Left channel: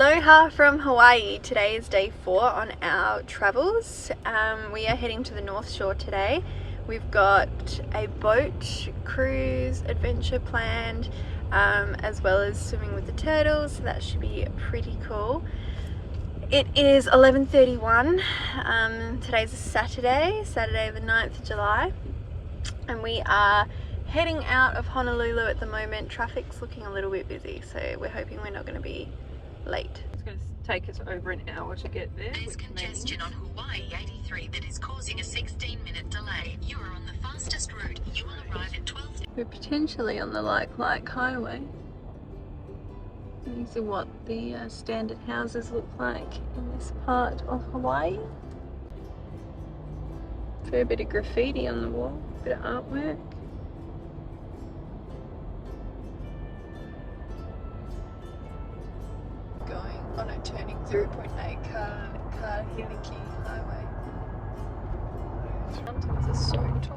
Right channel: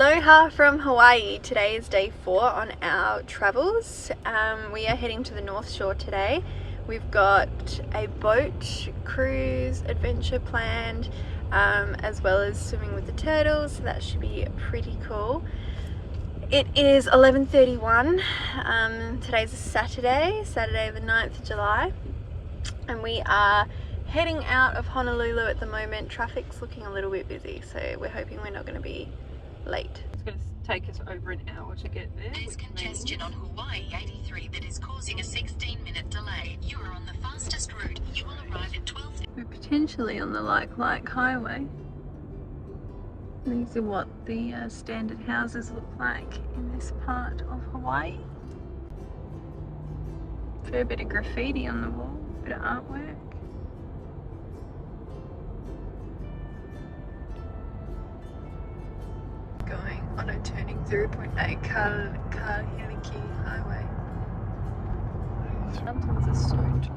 Aloha from Hawaii. Today is day 4 on our travels. We are heading to the North Shore today. We've got a boat cruise adventure planned, as well as swimming with the turtles, so that should be pretty cool. It is 11:31. Today's a Saturday the 9th of July, and we are heading out of Honolulu at the moment. Traffic's looking a little bit busy, so we're hoping we're not going to be late. It's going to take us over an hour to get there. There's congestion on Hawaii 83 that is causing a 16-minute delay. You are on the fastest route. You will arrive at 12. We're potentially on the Like Highway. These are what the standard houses look like in this part of Hawaii. Fair bit of graffiti on the wall, bit of artwork. Going on a turning 0.8 Laniakea Highway. Mountains are so tall.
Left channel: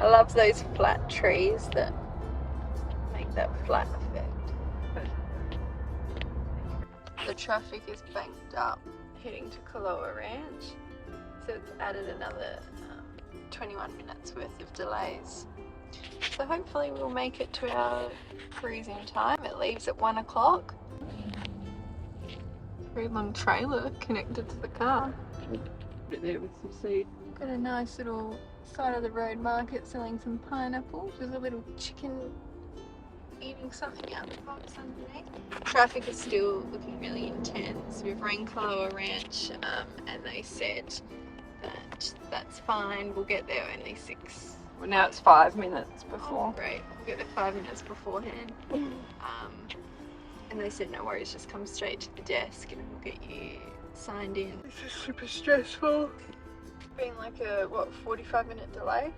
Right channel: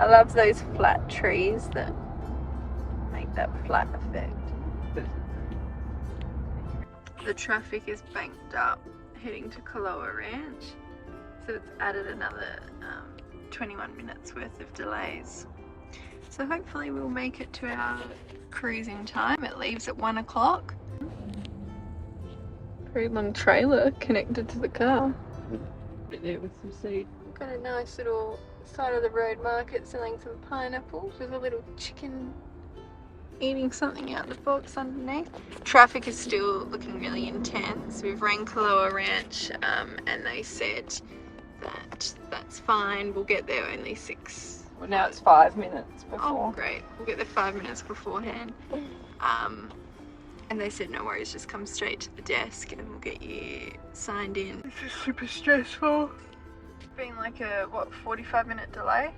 I love those flat trees that make that flat effect. The traffic is banked up heading to Kualoa Ranch, so it's added another 21 minutes worth of delays. So hopefully we'll make it to our cruise in time. It leaves at 1 o'clock. Very long trailer connected to the car. There with some seed. Got a nice little side of the road market selling some pineapples with a little chicken eating something out of the box underneath. Traffic is still looking really intense. We've rang Kualoa Ranch and they said that that's fine. We'll get there only 6. Well, now it's 5 minutes before. Oh, great. We'll get there 5 minutes beforehand. And they said no worries, just come straight to the desk and we'll get you signed in. This is super stressful. It's been like a, 45-minute delay?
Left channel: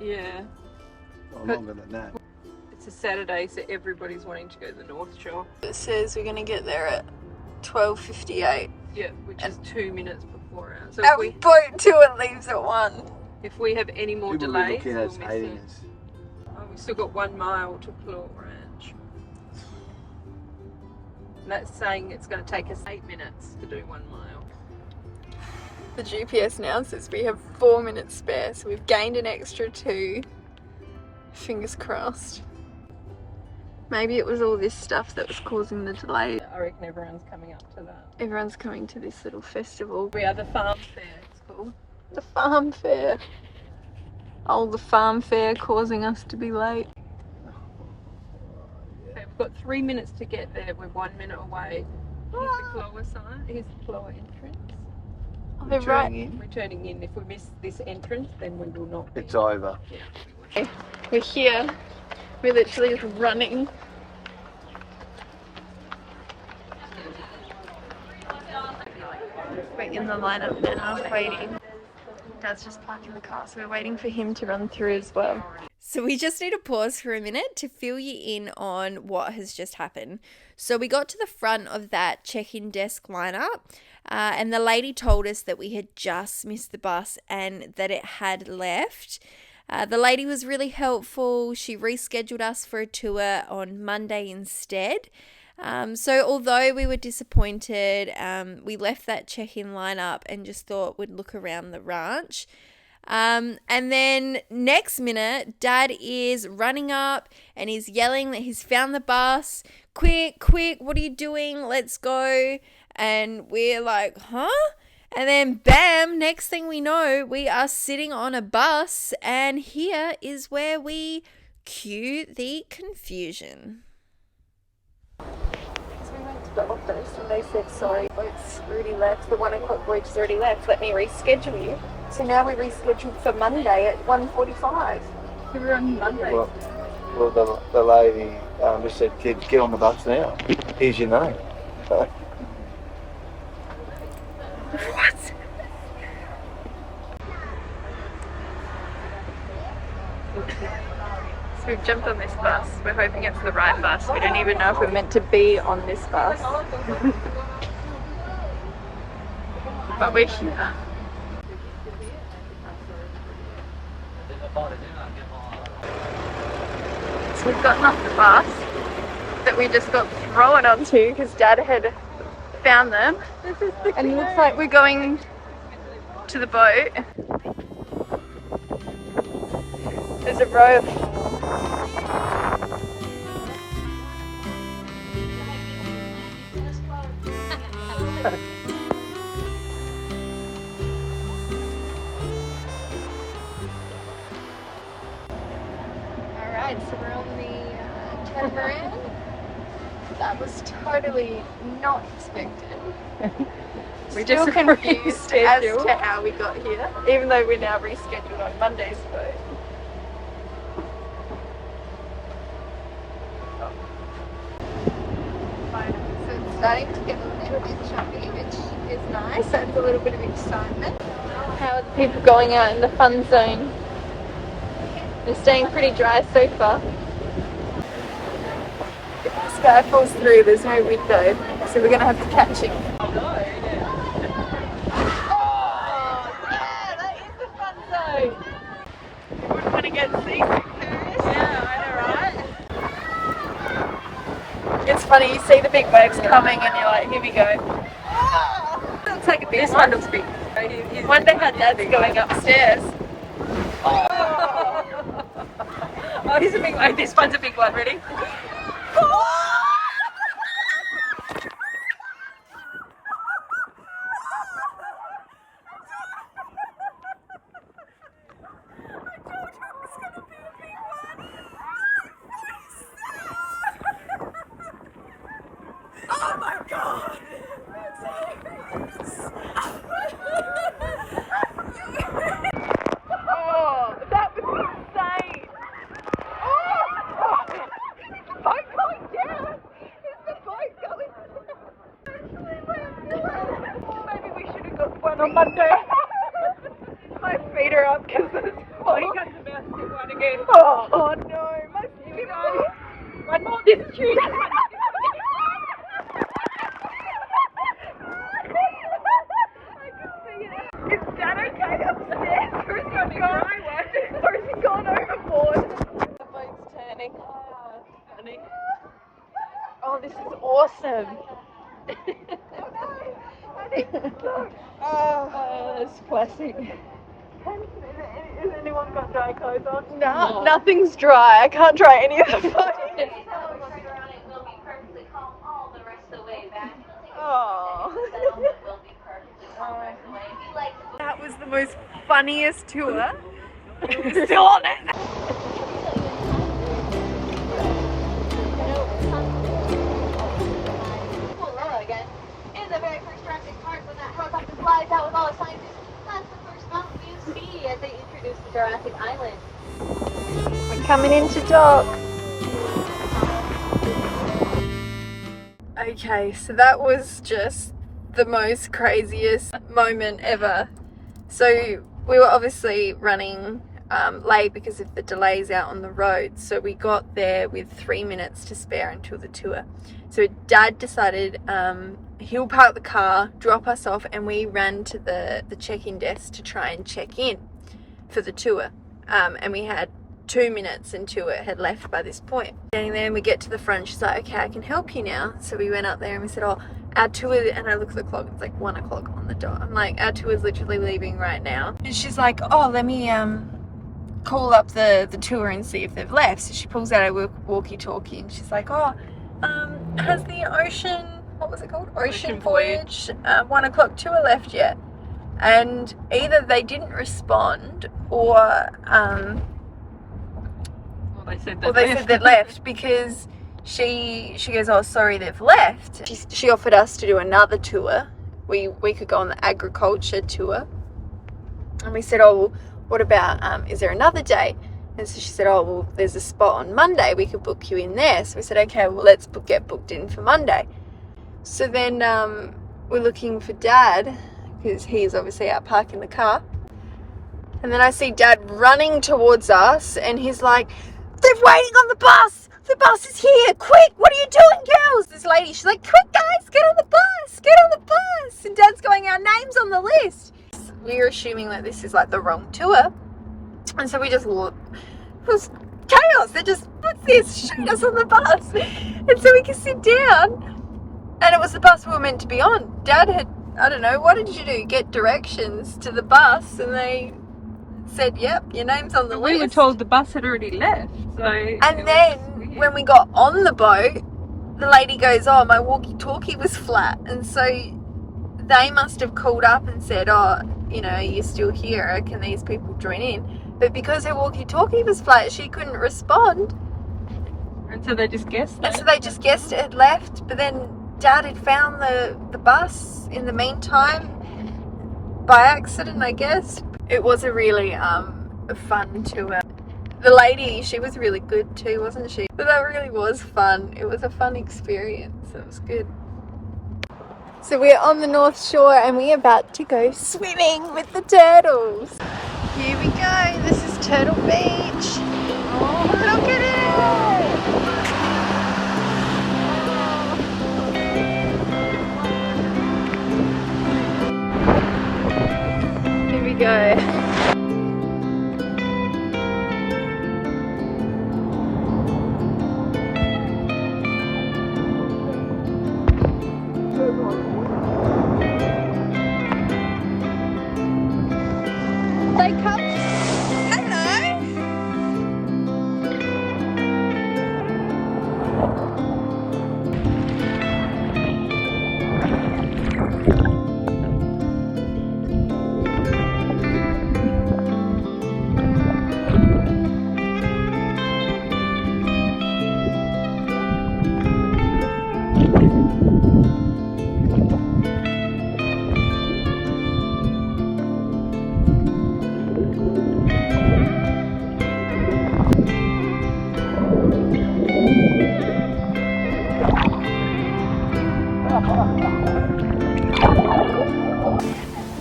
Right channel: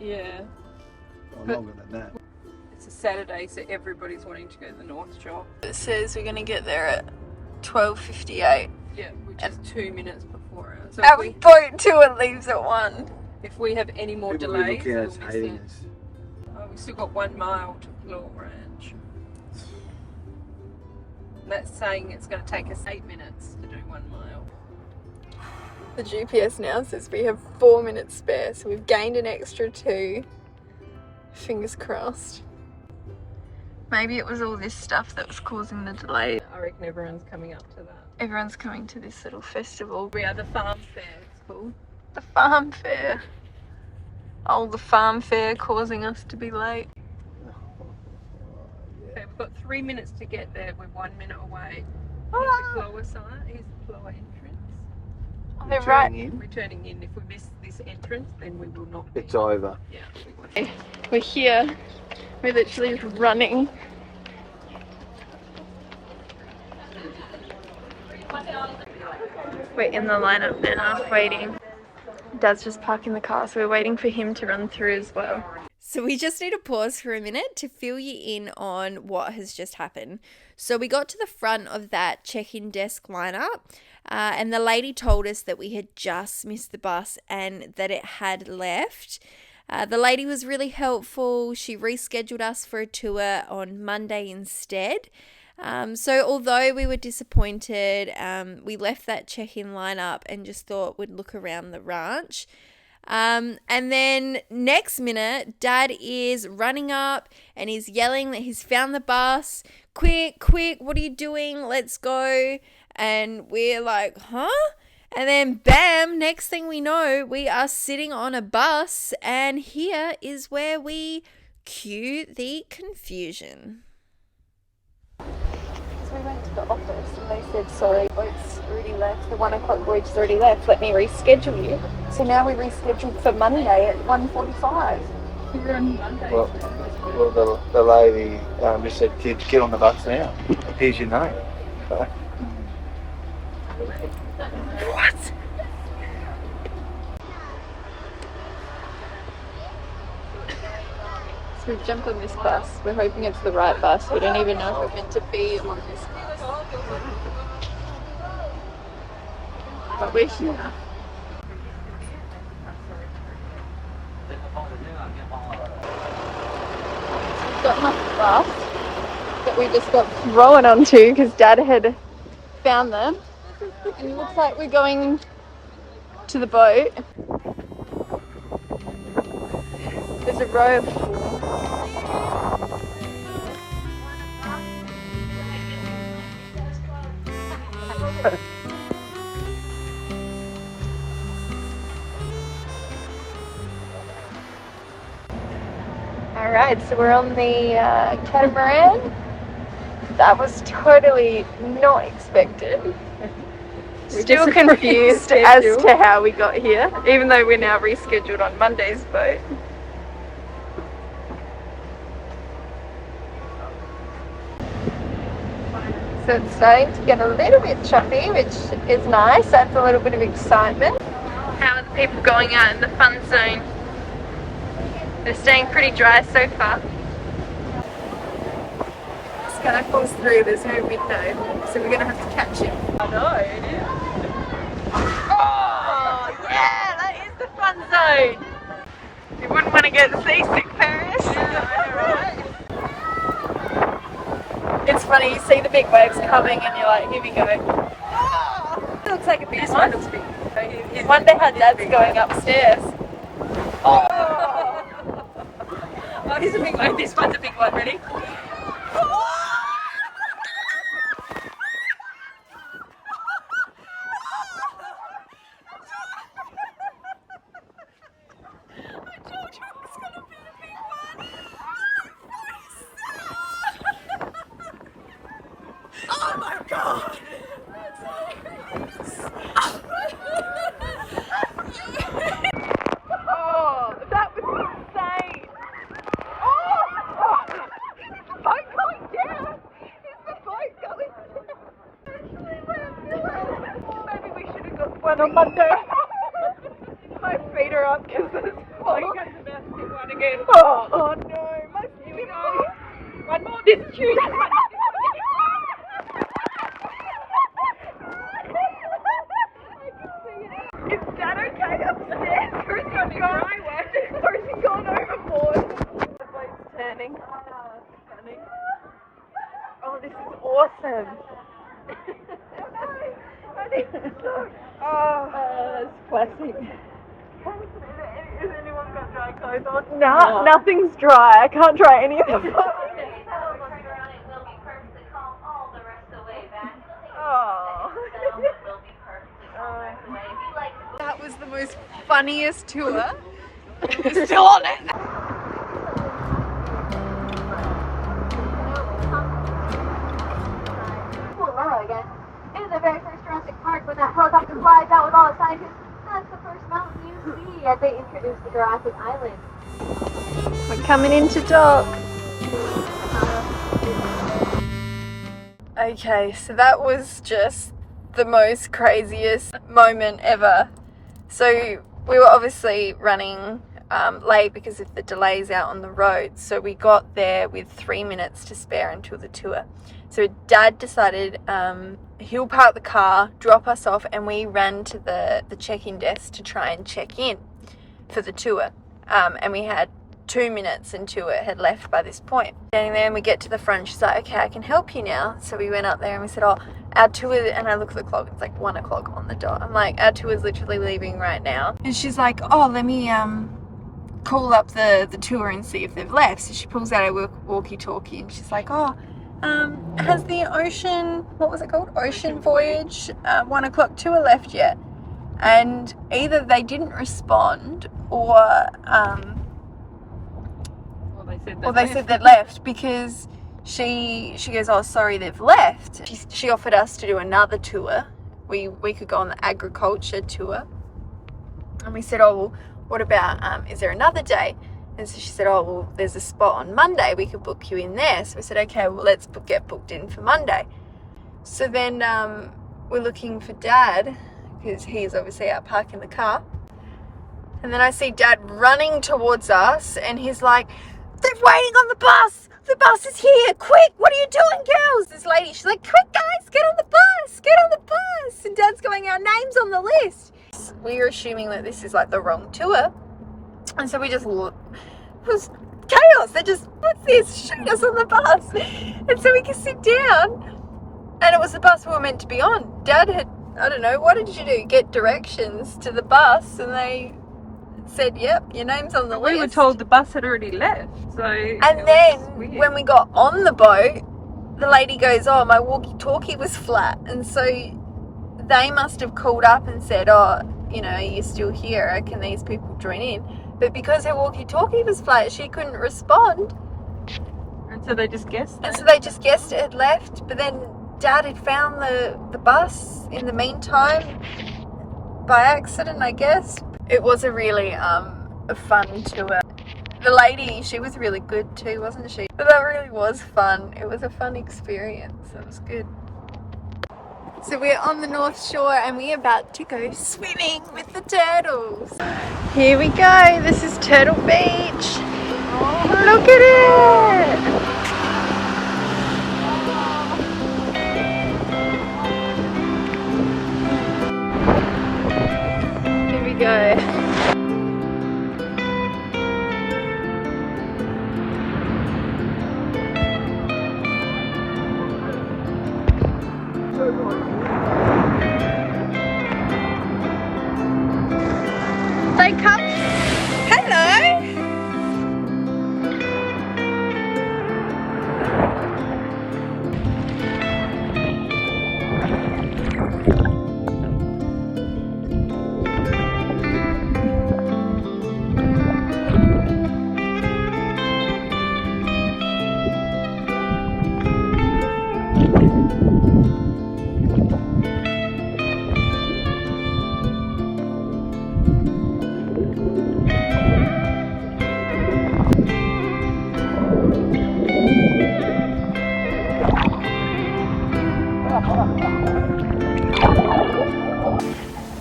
Yeah. Well, longer than that. It's a Saturday, so everybody's wanting to go to the North Shore. It says we're going to get there at 12:58. Yeah, which is 2 minutes before ours. So Our boat tour leaves at 1. if we have any more People will be delays, looking we'll at miss it. aliens. Oh, we've still got 1 mile to Kualoa Ranch. And that's saying it's going to take us 8 minutes to do 1 mile. The GPS now says we have 4 minutes spare, so we've gained an extra 2. Fingers crossed. Maybe it was all this stuff that was causing the delay. I reckon everyone's coming up to that. Everyone's coming to this little festival. We are the farm fair, it's called. The farm fair. Oh, the farm fair causing us to be late. Okay, we've got 3 minutes to get there. We're 1 minute away. Here's the Kualoa sign. Here's the Kualoa entrance. Oh, they're right. We're turning in. If we miss this entrance, then we will not be. It's over. Yeah, We're here. We're literally running. We're in the lineup now, waiting. Dad's just parking the car, so we're waiting for him to run through as well. So we just need to pause for a minute to fill you in on what has just happened. So we got to the front of that check-in desk lineup, and the lady told us that we had just missed the bus and that it had left. The lady was really helpful. She rescheduled us for a tour on Monday instead. So although we were disappointed, we left that check-in lineup and just thought we'd look around the ranch. And then next minute, Dad is running up and he's yelling that he's found the bus. Quick, quick, what are you doing? Let's go. And we're like, huh? And then bam, next thing we know, we are sitting on a bus, and here is where we cue the confusion. So we went to the office and they said, sorry, boat's already left, the 1 o'clock voyage has already left, let me reschedule you. So now we rescheduled for Monday at 1:45. We're on Monday. Well, the lady just said, kids, get on the bus now. Here's your name. What? So we've jumped on this bus. We're hoping it's the right bus. We don't even know if we're meant to be on this bus. But we're here. So we've gotten off the bus. that we just got thrown onto because Dad had found them. And it looks like we're going to the boat. There's a row of Alright, so we're on the catamaran. That was totally not expected. We're still confused as to how we got here, even though we're now rescheduled on Monday's boat. So it's starting to get a little bit choppy, which is nice. That's a little bit of excitement. How are the people going out in the fun zone? They're staying pretty dry so far. If this guy falls through, there's no window, so we're gonna have to catch him. I know. Oh yeah, that is the fun zone. You wouldn't want to get seasick, Paris. Yeah, I know, right? It's funny, you see the big waves coming and you're like, here we go. Oh, looks like a big one. This one looks big. I wonder how Dad's going upstairs. Oh, he's a big one. This one's a big one. Ready? Oh my God! Oh, that was insane! Oh! Is the boat going down? Is the boat going down? Maybe we should have got one on Monday. My feet are up because it's falling. Oh, one again. Oh no, my feet are up. One more, this is huge. Is Dad okay upstairs? Or is he gone? Or is he gone overboard? The boat's turning. Funny. Oh, this is awesome. That's classic. Has anyone got dry clothes on? No, nothing's dry. I can't dry any of the boat. That was the most funniest tour. We're still on it. Kualoa again. In the very first Jurassic Park, when that helicopter flies out with all the scientists, that's the first mountain you see as they introduce the Jurassic Island. I'm coming into dock. Okay, so that was just the most craziest moment ever. So we were obviously running late because of the delays out on the road. So we got there with 3 minutes to spare until the tour. So Dad decided he'll park the car, drop us off, and we ran to the check-in desk to try and check in for the tour. And we had 2 minutes until it had left by this point. Getting there and we get to the front, she's like, okay, I can help you now. So we went up there and we said, oh, our tour, and I look at the clock, it's like 1 o'clock on the dot. I'm like, our tour is literally leaving right now. And she's like, oh, let me call up the tour and see if they've left. So she pulls out her walkie-talkie and she's like, oh, has the Ocean, what was it called? Ocean Voyage 1 o'clock tour left yet? And either they didn't respond or they said they left, because she goes, oh, sorry, they've left. She offered us to do another tour. We could go on the agriculture tour. And we said, oh, well, what about, is there another day? And so she said, oh, well, there's a spot on Monday. We could book you in there. So we said, okay, well, let's get booked in for Monday. So then we're looking for Dad, because he's obviously out parking the car. And then I see Dad running towards us, and he's like, they're waiting on the bus. The bus is here. Quick, what are you doing, girls? This lady, she's like, quick, guys, get on the bus. Get on the bus. And Dad's going, our name's on the list. We were assuming that this is like the wrong tour. And so we just looked. It was chaos. They're just, what's this? Shoot us on the bus. And so we can sit down. And it was the bus we were meant to be on. Dad had, I don't know, what did you do? Get directions to the bus, and they said, yep, your name's on the list. We were told the bus had already left. So and then when we got on the boat, the lady goes, oh, my walkie-talkie was flat. And so they must have called up and said, oh, you know, you're still here. Can these people join in? But because her walkie-talkie was flat, she couldn't respond. And so they just guessed it. And so they just guessed it had left. But then Dad had found the bus in the meantime by accident, I guess. It was a really a fun tour. The lady, she was really good too, wasn't she? But that really was fun. It was a fun experience. It was good. So we're on the North Shore and we're about to go swimming with the turtles. Here we go. This is Turtle Beach. Look at it. Here we go. They come. Hello.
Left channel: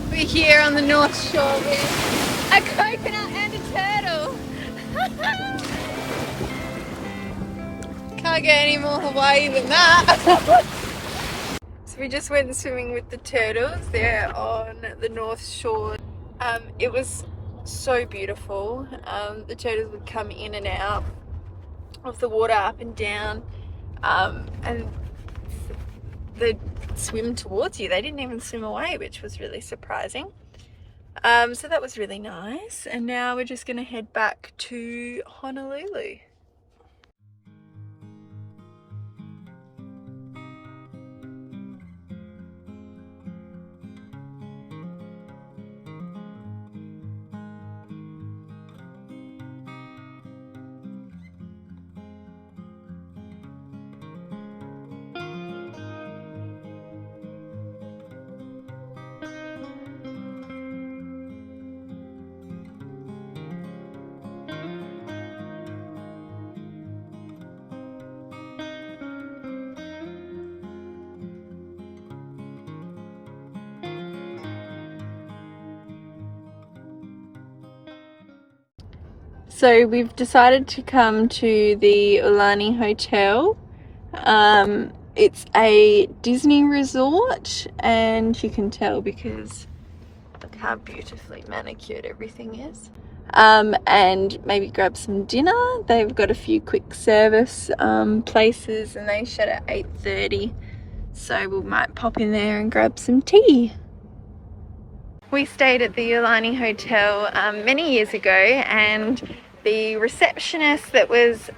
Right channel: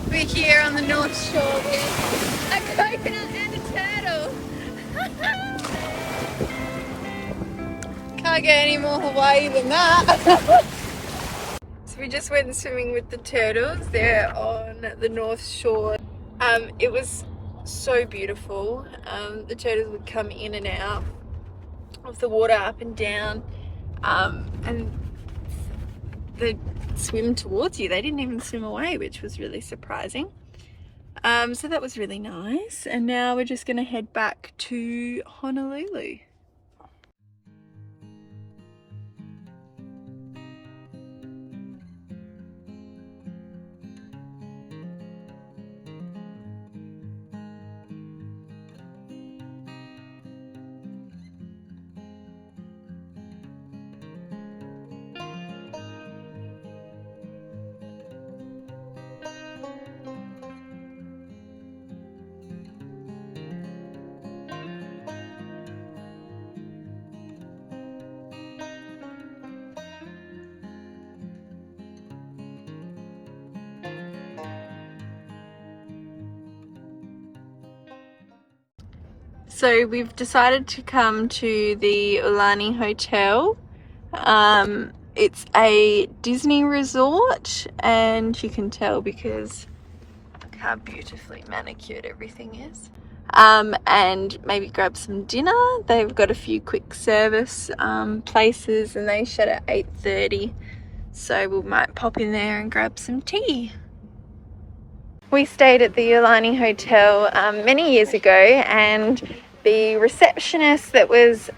We're here on the North Shore. A coconut and a turtle. Can't get any more Hawaii than that. So we just went swimming with the turtles. They're on the North Shore. It was so beautiful. The turtles would come in and out of the water, up and down, and they'd swim towards you. They didn't even swim away, which was really surprising. So that was really nice. And now we're just going to head back to Honolulu. So we've decided to come to the Aulani Hotel. It's a Disney resort, and you can tell because look how beautifully manicured everything is. And maybe grab some dinner. They've got a few quick service places, and they shut at 8:30. So we might pop in there and grab some tea. We stayed at the Aulani Hotel many years ago, and the receptionist that was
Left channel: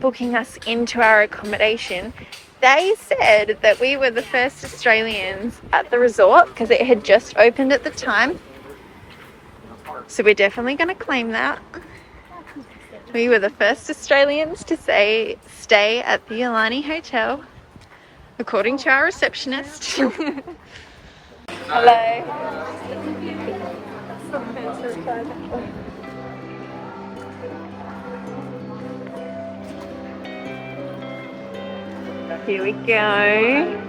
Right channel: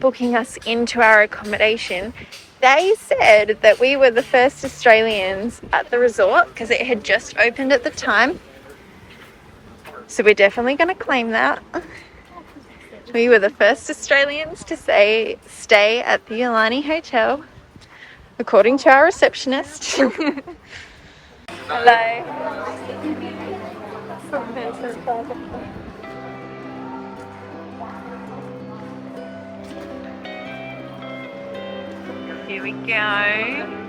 booking us into our accommodation, they said that we were the first Australians at the resort because it had just opened at the time. So we're definitely going to claim that. We were the first Australians to stay at the Aulani Hotel, according to our receptionist. Hello. Here we go.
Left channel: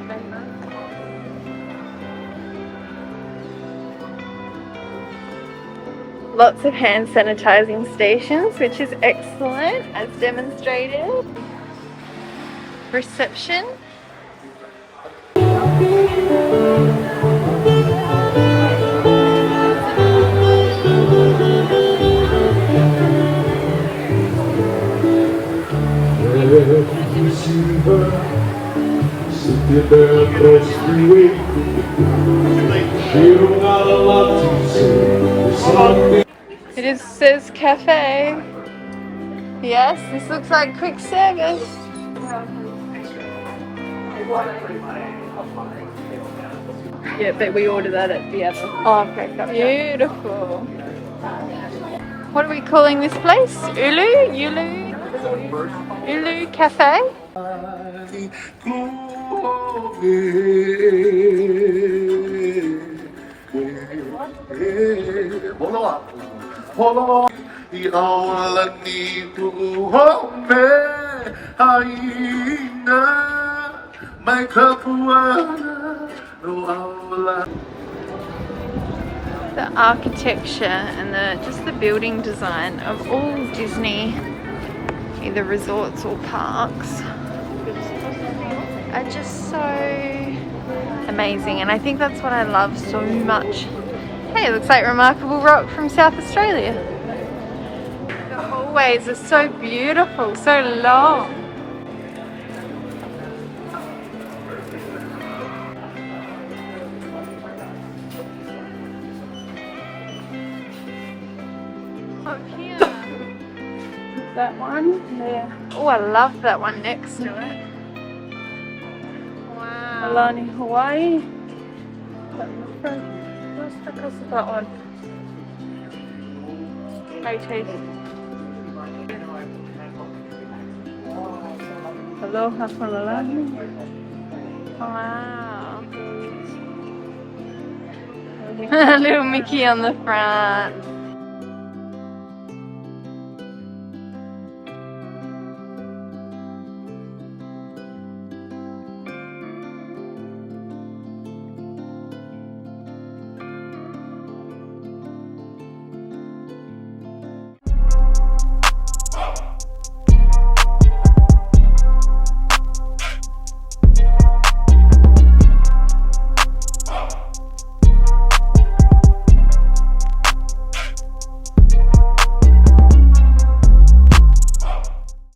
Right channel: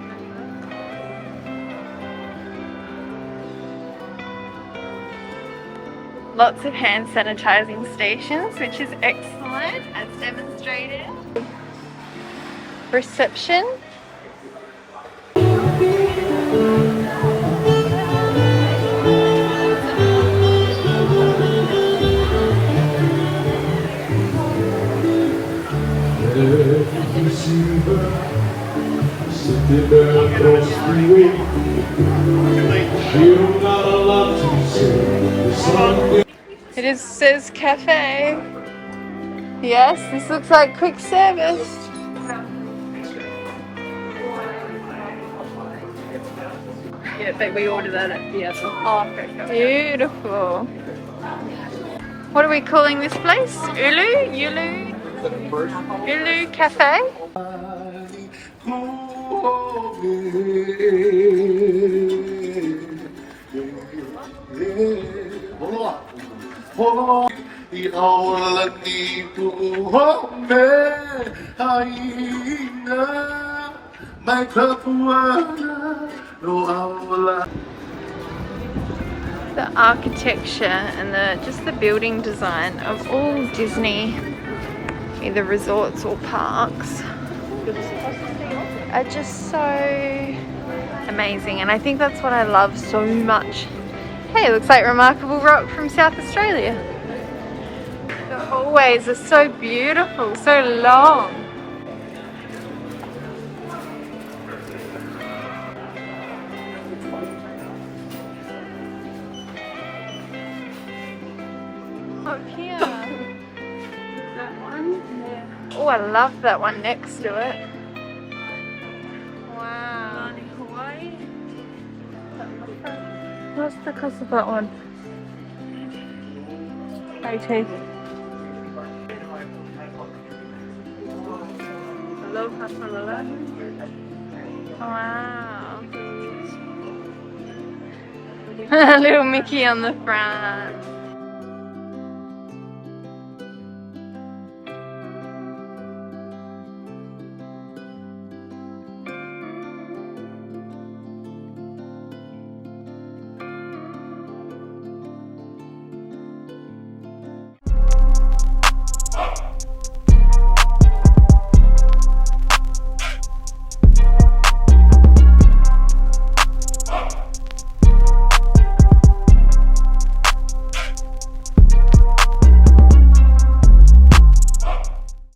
Lots of hand sanitizing stations, which is excellent, as demonstrated. Reception. It says cafe. Yes, this looks like quick service. Yeah, but we ordered that at the other. Oh, okay. Beautiful. What are we calling this place? Ulu Cafe? Aulani The architecture and just the building design of all Disney, either resorts or parks, are just so amazing. And I think that's what I love so much. Hey, it looks like Remarkable Rock from South Australia. The hallways are so beautiful, so long. Up here. That one? Yeah. Oh, I love that one next to it. Wow. Aulani, Hawaii. What's the cost of that one? 80. Aloha from Aulani. Wow. Little Mickey on the front.